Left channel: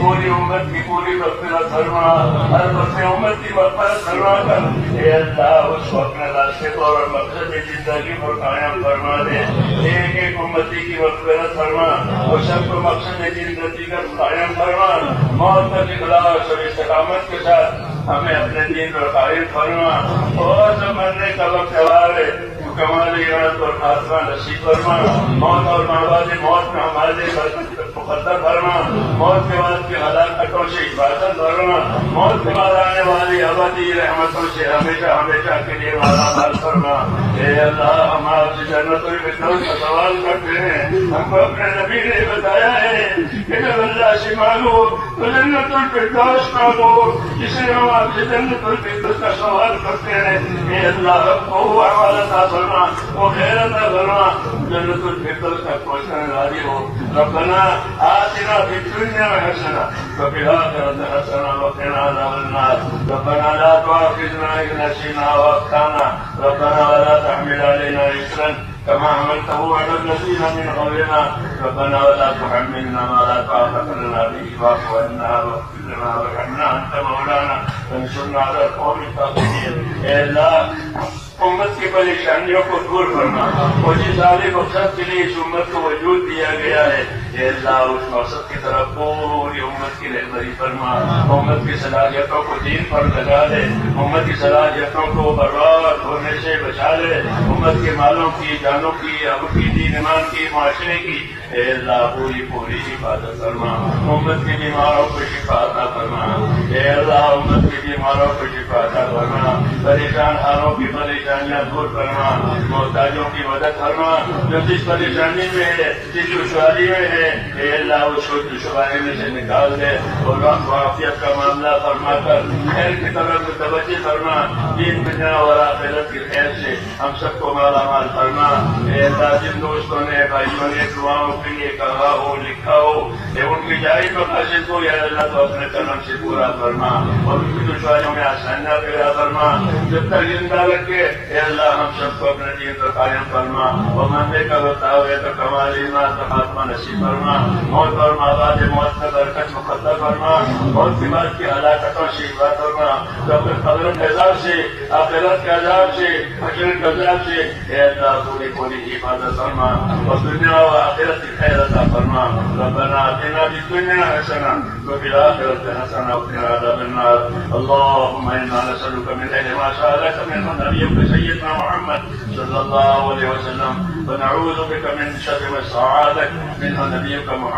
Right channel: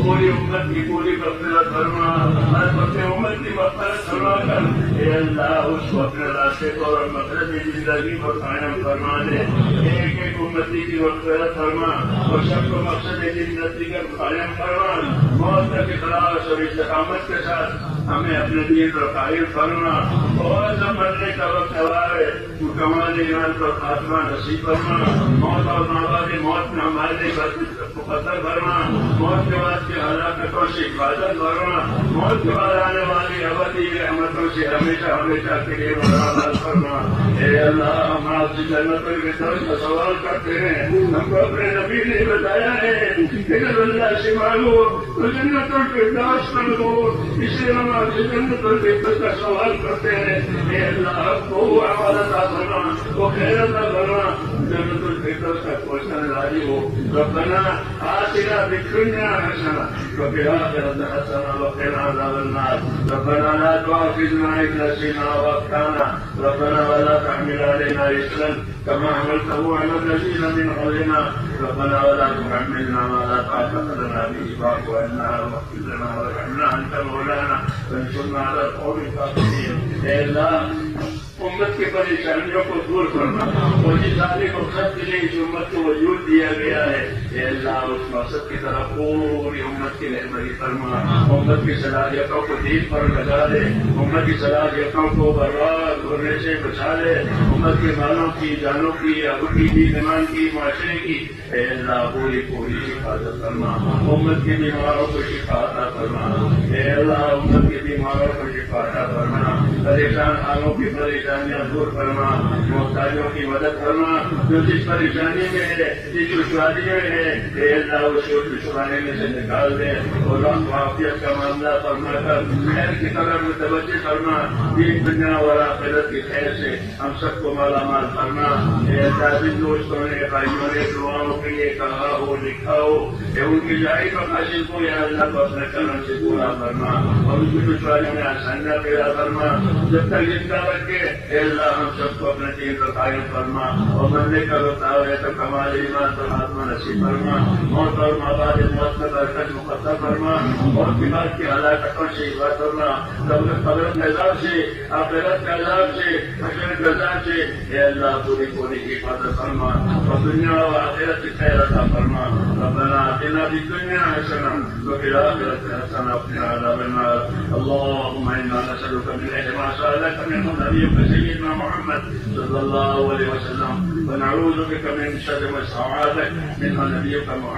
پوری امت کی پوری مغفرت فرما، ہر بس امت کی مغفرت فرما کر اے اللہ اس کو اپنے راستے پر اور مقصد زندگی پر قائم فرما دیں۔ ایک ایک امتی کی مغفرت فرما اور سب کو مقصد زندگی کا قائم فرما، موت کے خلاف اور استقامت کے ساتھ ہمیں اپنے دین پر قائم فرما، اور جب مرنے کا وقت آئے تو کمال ایمان اور خاتمہ نصیب فرما، موت اور بعد موت میں ہمارے لیے برکت مقدر فرما، موت کے بعد کی ہلاکتوں سے حفاظت فرما، موت کے بعد آنے والی ابدی رحمتوں سے ہمیشہ ہمیشہ کے لیے مالا فرما۔ اے اللہ ہم آپ سے جنت الفردوس کا سوال کرتے ہیں، ہم کو اپنے نبی نے بتایا ہے کہ جب اللہ سے مانگو تو جنت الفردوس مانگو، اسے ہم آپ سے جنت الفردوس کا سوال کرتے ہیں۔ اے اللہ ہم کو وہ عمل عطا فرما، وہ خیر عطا فرما، جنت الفردوس کا پہنچنے والی ہو۔ ربنا آتنا فی الدنیا حسنہ وفی الآخرۃ حسنہ وقنا عذاب النار۔ ربنا لا تؤاخذنا إن نسينا وأخطأنا، ربنا ولا تحمل علينا إصرا كما حملته على الذين من قبلنا، ربنا ولا تحملنا ما لا طاقة لنا به واعف عنا واغفر لنا وارحمنا أنت مولانا فانصرنا على القوم الكافرين۔ اے اللہ امت کی پریشانیوں کو دور فرما، اور جس عالی مقصد کے لیے اس امت کو وجود دیا گیا ہے اے اللہ اس مقصد کی طرف پوری امت کی رہبری فرما، امت کی صلاحیتوں کو دین پر لگا دے، امت کی صلاحیتوں کو برباد ہونے سے بچا لے، امت کے مالوں کی، جانوں کی، اب کی، دین ایمان کی، معاشرے کی اے اللہ پوری حفاظت فرما، امت کی بیماروں کو شفا عطا فرما، اے اللہ امت کی بیماروں کو شفا عطا فرما، پریشان حالوں کی پریشانیاں دور فرما، محتاجوں کی مدد فرما، جو جس پریشانی میں ہے، جس دشواری میں ہے اے اللہ اس کو دشواری میں سے نکال دے، اور عافیت کا معاملہ فرما کر خیر کی طرف متوجہ فرما، دین دنیا اور آخرت کی خیر سے ہم سب کو مالا مال فرما۔ اے اللہ جن دوستوں نے بھائیوں نے دعاؤں کے لیے کہا ہو، لکھا ہو، اے ان کی جائز مقاصد کو یا اللہ تو اپنے کرم سے پورا فرما، اور ان کی دشواریوں میں آسانیاں پیدا فرما، جب تک زندہ رکھے اے اللہ ہم سب کو اپنے دین پر قائم فرما، اور مرنے کا وقت آئے تو کمال ایمان تو خاتمہ نصیب فرما، موت اور بعد موت میں برکت مقدر فرما، موت کے بعد کی ہلاکتوں سے حفاظت فرما، قبر کے عذاب سے، آخرت کے عذاب سے، حشر کے عذاب سے اے اللہ پوری حفاظت فرما، اور دنیا و آخرت کی خیر عطا فرما۔ ربنا آتنا فی الدنیا حسنہ وفی الآخرۃ حسنہ وقنا عذاب النار۔ اللهم انا نسألك من اجل ما سألك منه نبيك سيدنا محمد صلى الله عليه وسلم، ونعوذ بك من شر ما استعاذك منه نبيك محمد